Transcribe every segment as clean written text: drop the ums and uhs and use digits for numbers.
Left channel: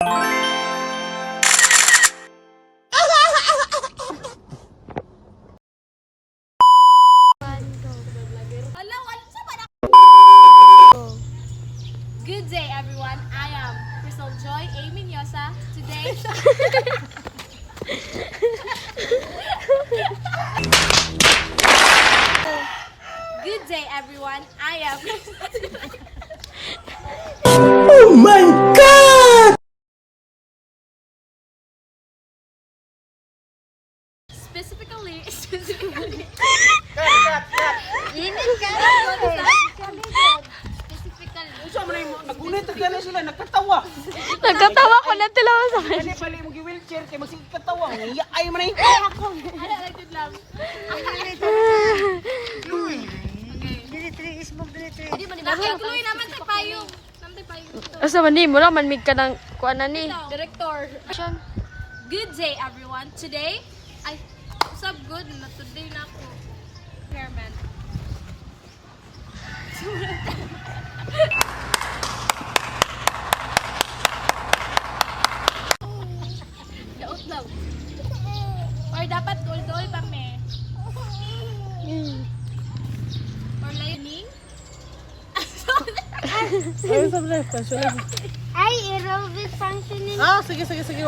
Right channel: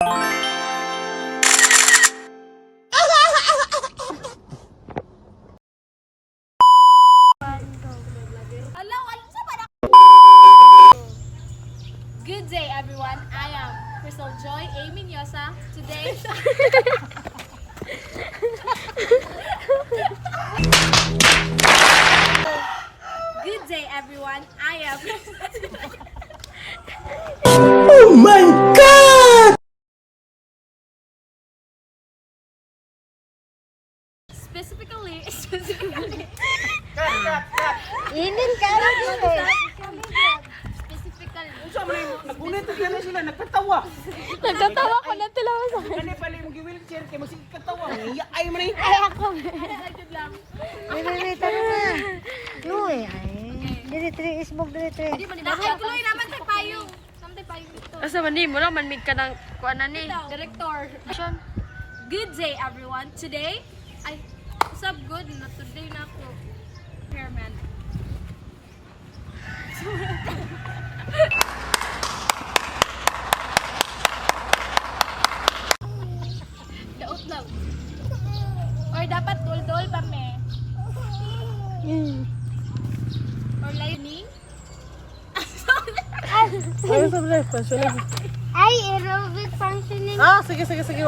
Good day, everyone. I am Crystal Joy A. Minyosa. Today, good day, everyone. I am Oh my God! specifically Inin ka lang Nagulit ang gano'n sila, nagkatawa. Nagkatawa ko na tilawan sa akin. Kani pala yung wheelchair, kaya magsigkatawa. Ay man yung Ano lang good lang. Uy, dire isbog dire. Nakikloy naman sa payong. Samtay payong ito. Asa man ni mo lang manmig ka ng kuan na ni. Director. Good day, everyone. Today, what's up good? Na today na ako. Chairman. Daot lang. Or dapat dol-dol pa me. Or lining. Ay, aerobic functioning. sige.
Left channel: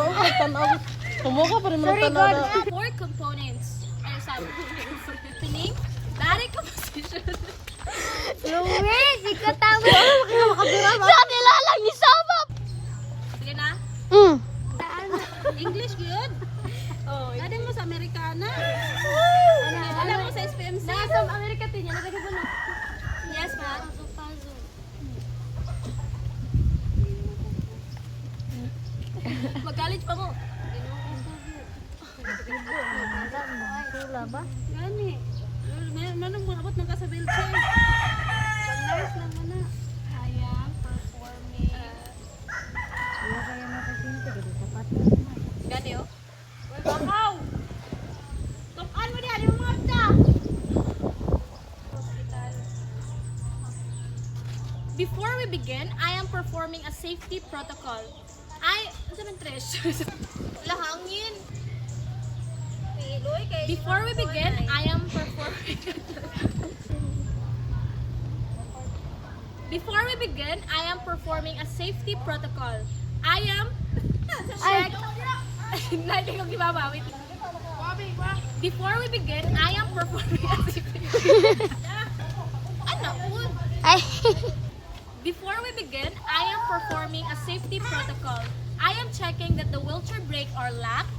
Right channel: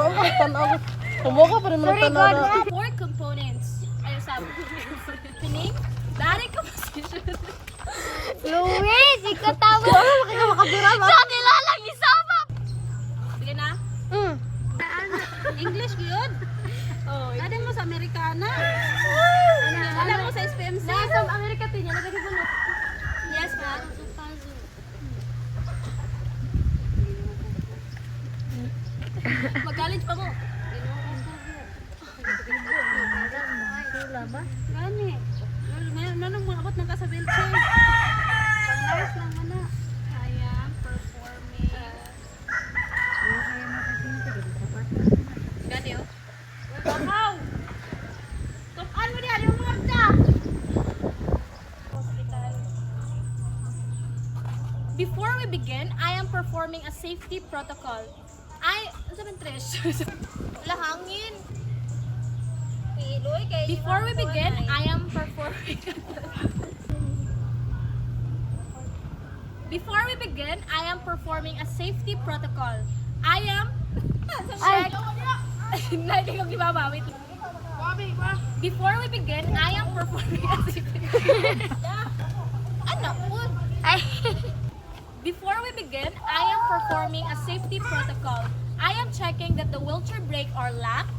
Kumuha pa rin mo Very good. Four components. Ano sabi? Tuning, direct composition. Luis, ikaw tawa. Sa nilalang ni Sabap. Sige na. English yun. Oh, dali mo sa Amerikana. Alam mo sa SPMC. Nasa Amerika tinya nagagi mo. Yes, ma. Mag-college pa mo. Sula ba? Gani. Nanong mga abot ng kasabel siya. Pang-nurse lang mo na. Kaya, performing. Iya kaya makasinti gid sapat. Gani, oh. Bakaw! Tukan mo diyan, yung mga ta! Before we begin, I am performing a safety protocol. Wala hangin. Before we begin, I am performing Before we begin, I am performing a safety protocol. I am check. Hindi ko gibaba. Wait. Before we begin, I am performing a safety Ano? Before we begin, I am performing a safety protocol. I am checking that the wheelchair brakes are locked.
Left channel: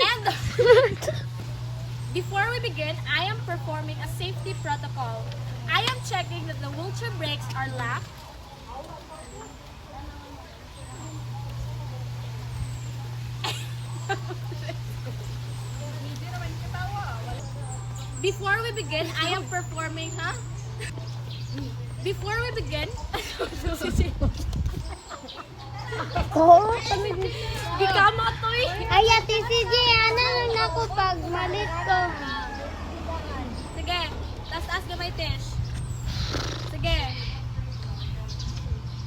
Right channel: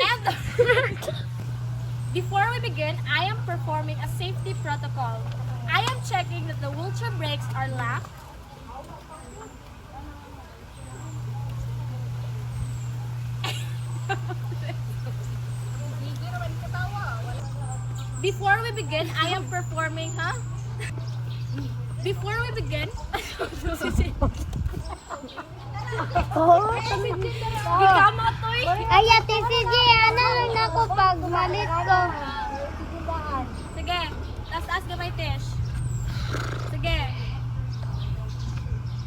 And before we begin, I am performing a safety protocol. I am checking that the wheelchair brakes are locked. Before we begin, I am performing, Before we begin, Gikama toy. Ay, ate sige, ano na ko pag malit ko. Sige, taas gamay Tish. Sige.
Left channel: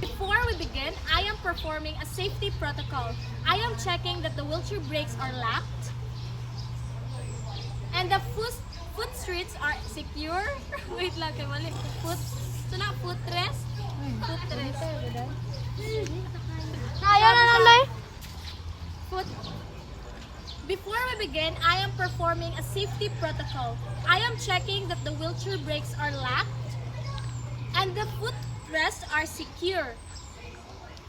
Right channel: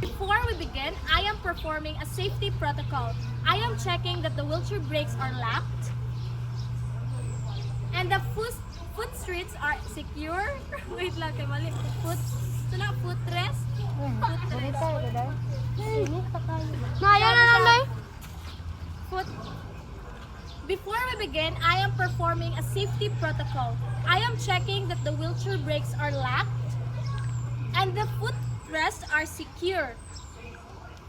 Before we begin, I am performing a safety protocol. I am checking that the wheelchair brakes are locked and the footrest are secure. Wait lang, kay mali. Ito na, footrest. Footrest. Naya na naman eh. Before we begin, I am performing a safety protocol. I am checking that the wheelchair brakes are locked and the footrests are secure.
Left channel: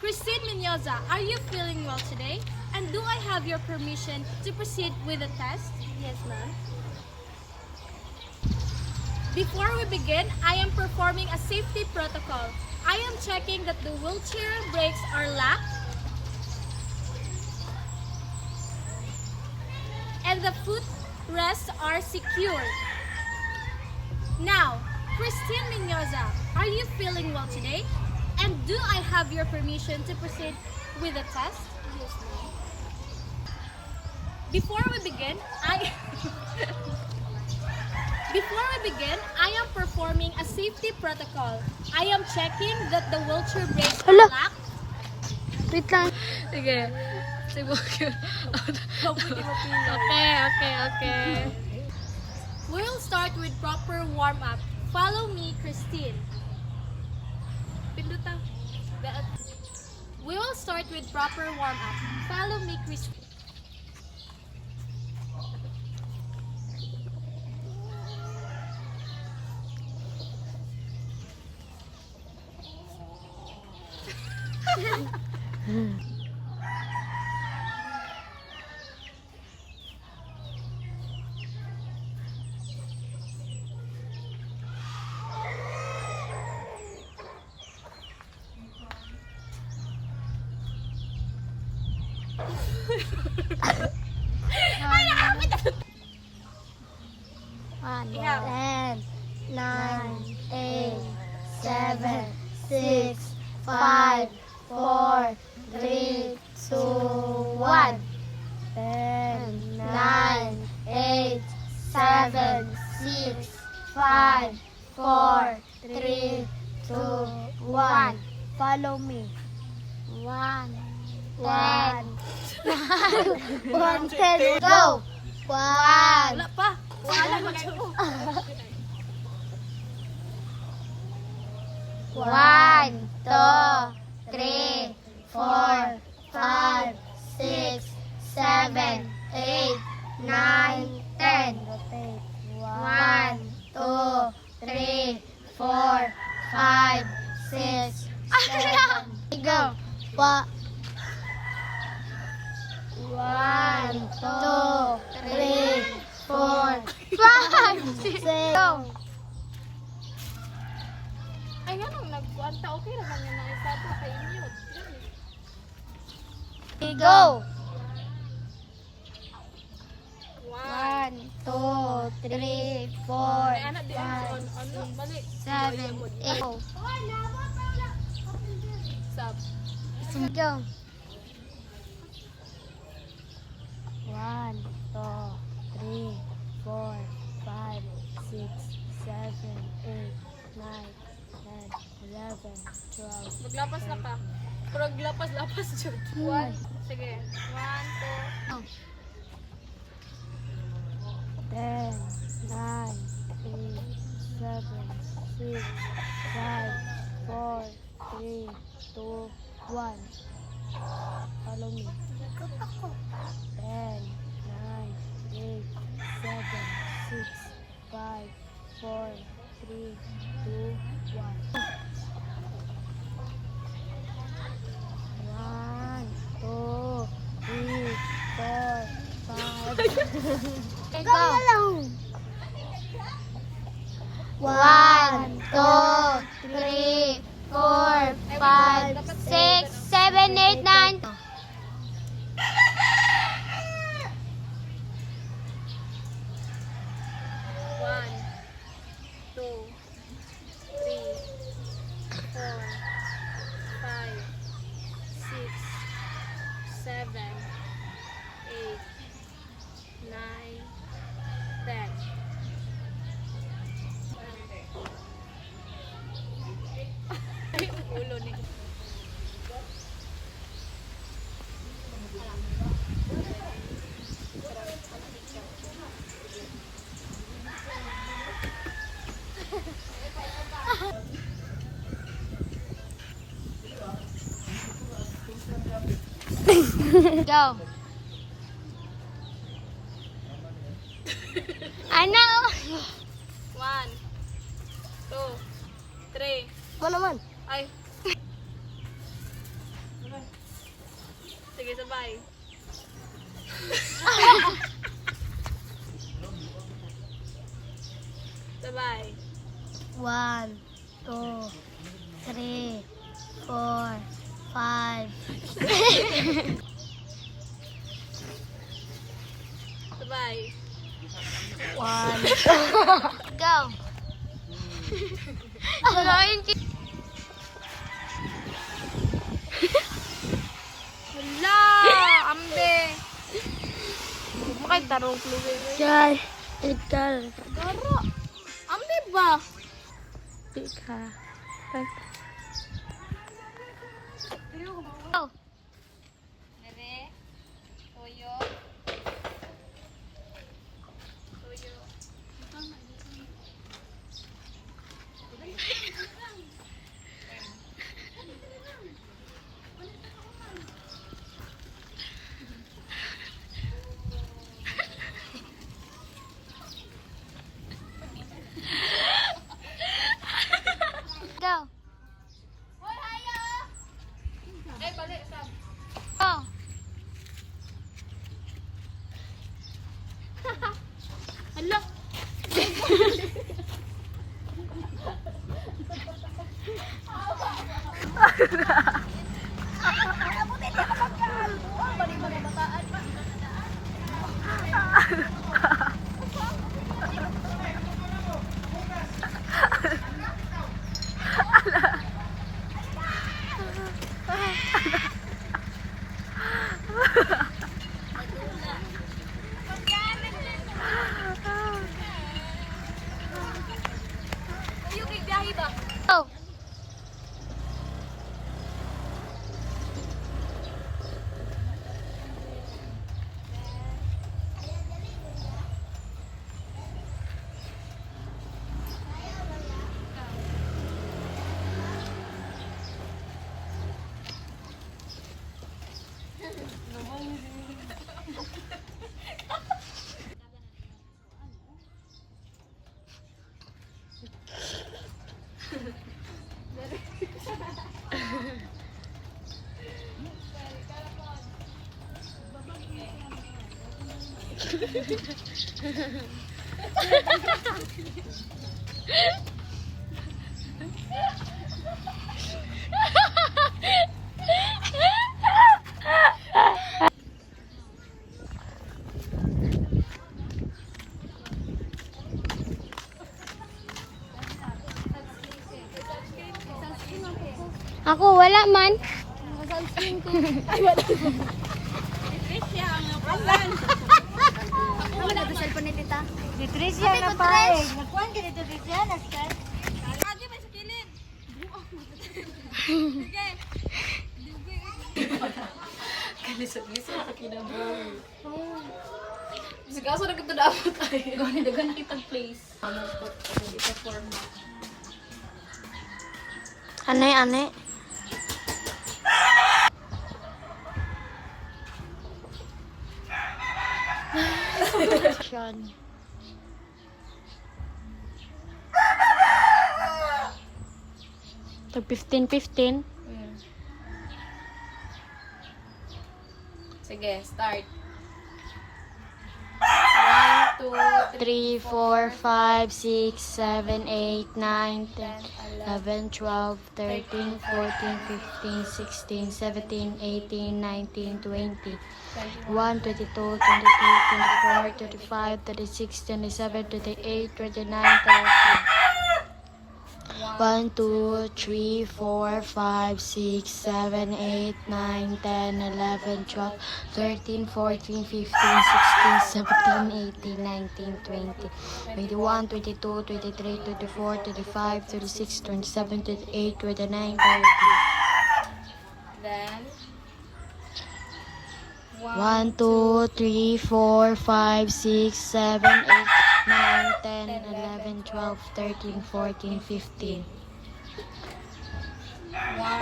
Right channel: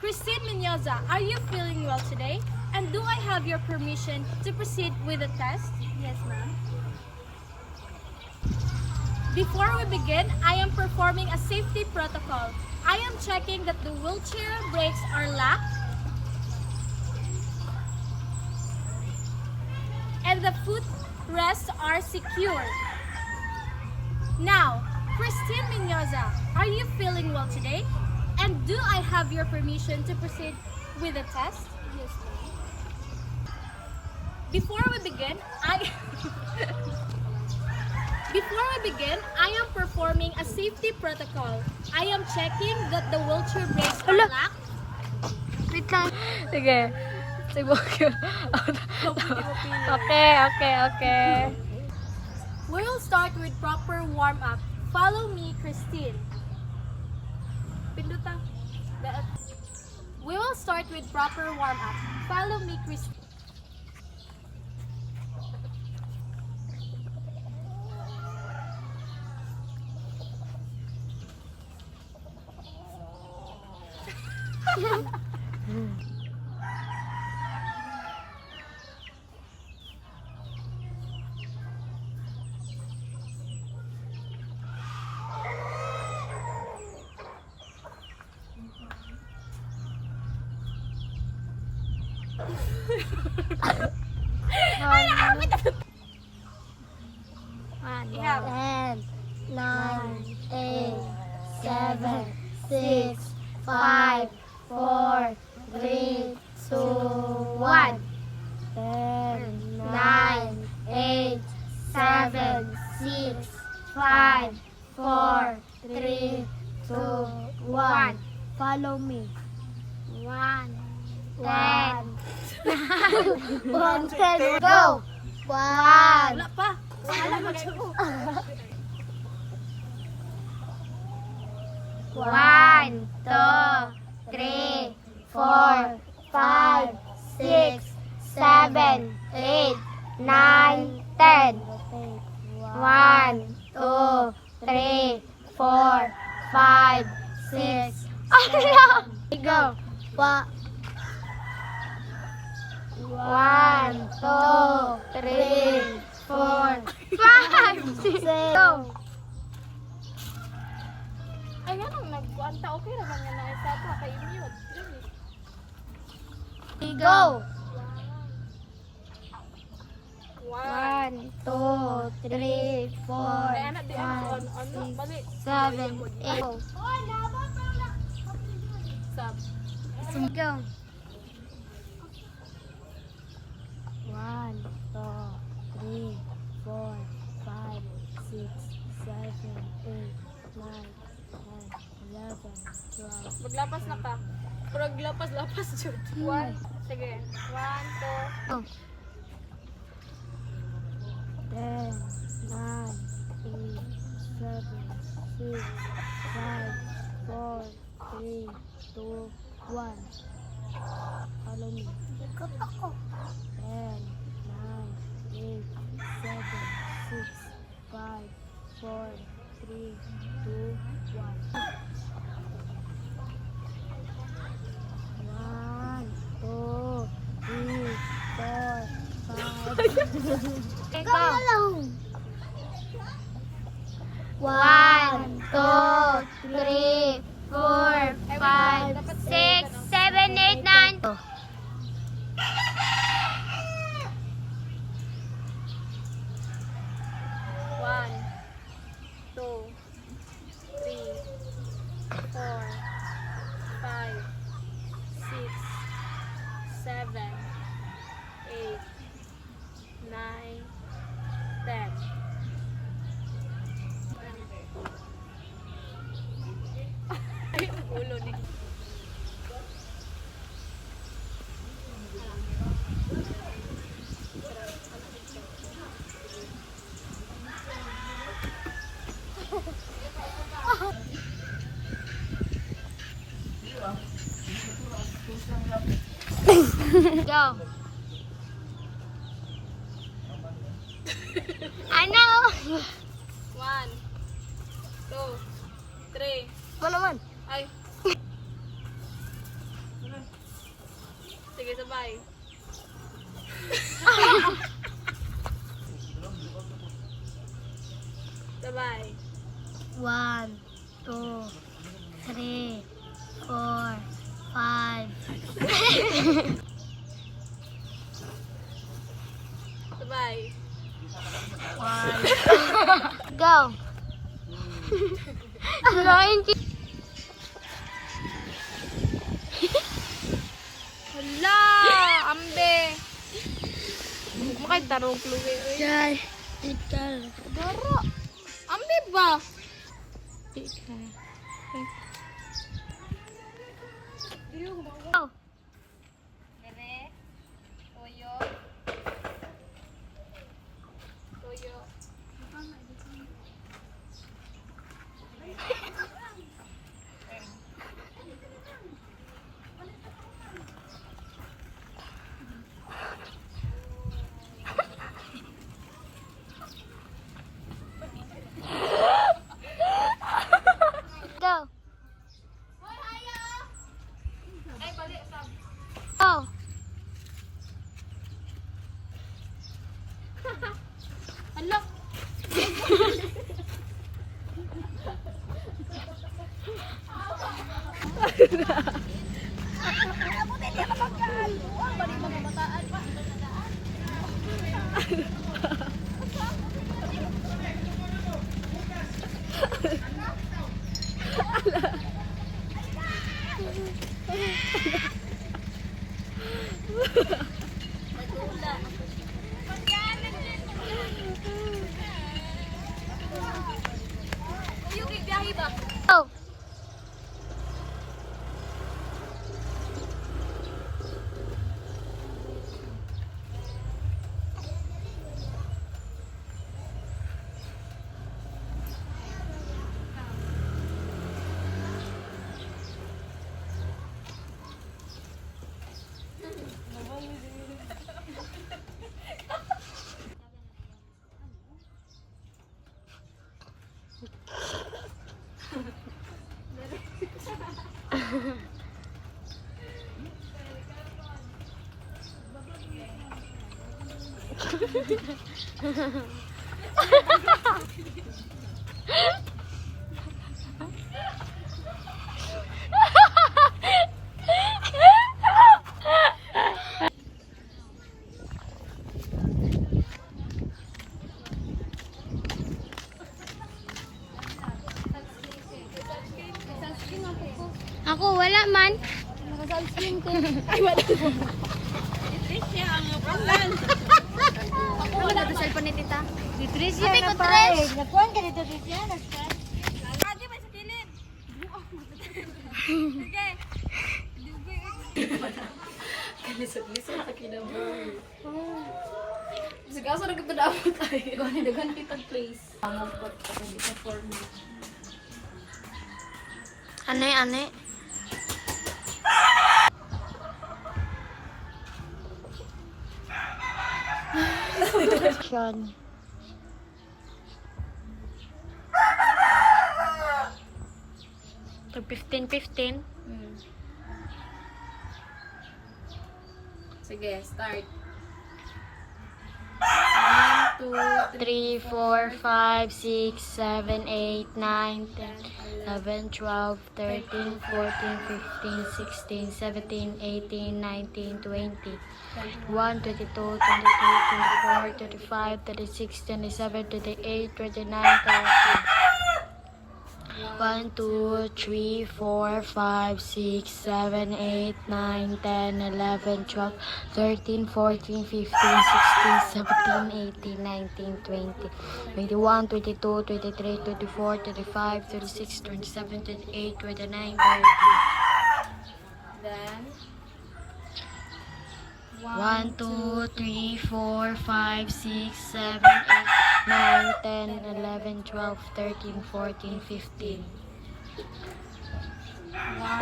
Christine Minyosa, are you feeling well today? And do I have your permission to proceed with the test? Yes, ma'am. Before we begin, I am performing a safety protocol. I am checking that the wheelchair brakes are locked and the footrests are secure. Now, Christine Minyosa, are you feeling well today? And do I have your permission to proceed with the test? Yes, ma'am. Before we begin, Before we begin, I am performing a safety protocol. I am checking that the wheelchair brakes are locked. Wait lang. Sige. Okay. We'll start with proper warm-up. Follow me, Christine. Pinduta. We will start with proper warm-up. Follow me, Christine. Yeah. 10, 9, 8, 7, 6, 5, 4, 3, 2, 1. 10, 9, 8, 7, 6, 5, 4, 3, 2, 1. Follow me. 1, 10, 9, 10, go! 1, Wala pa. One, two, three, 4, 5, 6, 7, 8, 9, 10. 1, 2, 3, 4, 5, 6. Go. 1, 2, 3, 4, 5, 6. Go. Ay, ganun, nagkuanta. Okay naman yan na isa pa kay mute. Go. 1, 1, 2, 3, 4, Ay, anak, di ako on. Bali. 7, 8. Sab. Go. 1, 2, 3, 4, 5, 6, 7, 8, 9, 10, 11, 12. Maglapas na ka. Pero lapas jud. 1. Sige. 1, 2. Oh. 10, 9, 8, 7, 6, 5, 4, 3, 2, 1. Follow me. 10, 9, 8, 7, 6, 5, 4, 3, 2, 1. 1, 2, 3, 4, 5. Go. 1, 2, 3, 4, 5, 6, 7, 8, 9. 1, 2, 3, 4, 5, 6, 7, 8, 9, 10. Ay, ulo ni. Go. I know. 1, 2, 3. Ito naman. Ay. Sige, sabay. Sabay. 1, 2, 3, 4, 5. Sabay. 1. Go. Hala! Ambe! Makay tarong kluwi. Yan. Ital. Dara! pa. Ika. Oh. Dere. Toyo. Toyo. Go. Ay, balik. Sab. Go. Hala. Yung biyahe ba? Go. Ako wala man. Naka-sunscreen ko. Ay, wala. Ano na ito cellphone ni tita? Patricia Ate, na good pa dress. eh. Nakuhan ka dito, Patricia. Lagi ba sa kilid? Sige. Kalisod-lisod sa kinabuhi. Sige, aso na kito dapat tayo. Gawin dagan kitang place. Ano po, kasi di sa format. Ane. Sean. Pag 15-15. Sige, start. 3, 4, 5, 6, 7, 8, 9, 10, 11, 12, 13, 14, 15, 16, 17, 18, 19, 20, 21, 22, 23, 24, 25, 36, 27, 28, 29, 30. 1, 2, 3, 4, 5, 6, 7, 8, 9, 10, 11, 12, 13, 14, 15, 16, 17, 18, 19, 20, 21, 22, 23, 24, 25, 36, 27, 28, 29, 30. Then, 1, 2, 3, 4, 5, 6, 7, 8, 9, 10, 11, 12, 13, 14, 15.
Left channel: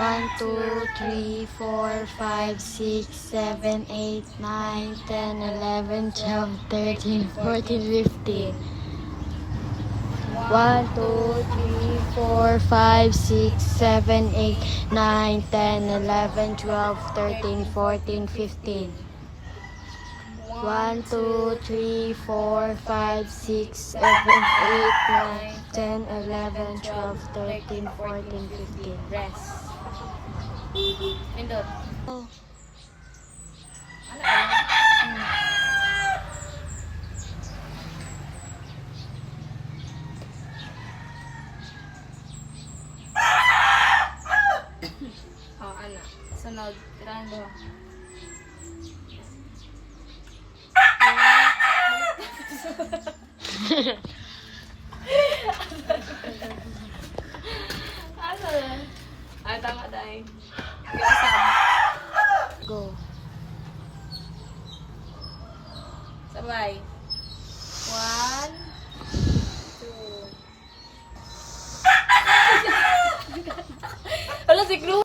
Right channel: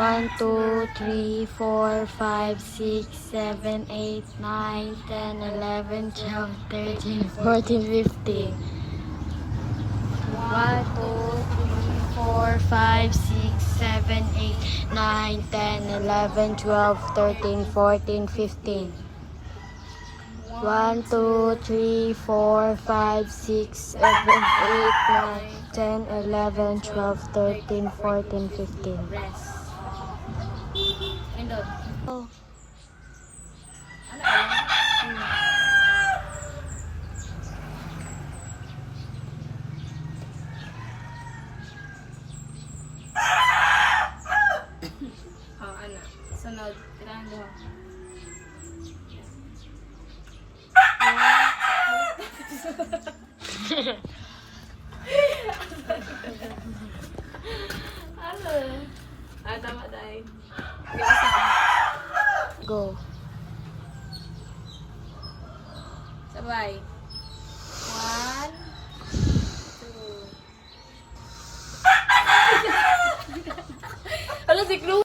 1, 2, 3, 4, 5, 6, 7, 8, 9, 10, 11, 12, 13, 14, 15. 1, 2, 3, 4, 5, 6, 7, 8, 9, 10, 11, 12, 13, 14, 15. 1, 2, 3, 4, 5, 6, 7, 8, 9, 10, 11, 12, 13, 14, 15. rest. Indot. Oh. Ano alam? Ana. Sunod. Tirando. day. Biasam. Go. Sabay. 1, 2. Wala si Chloe.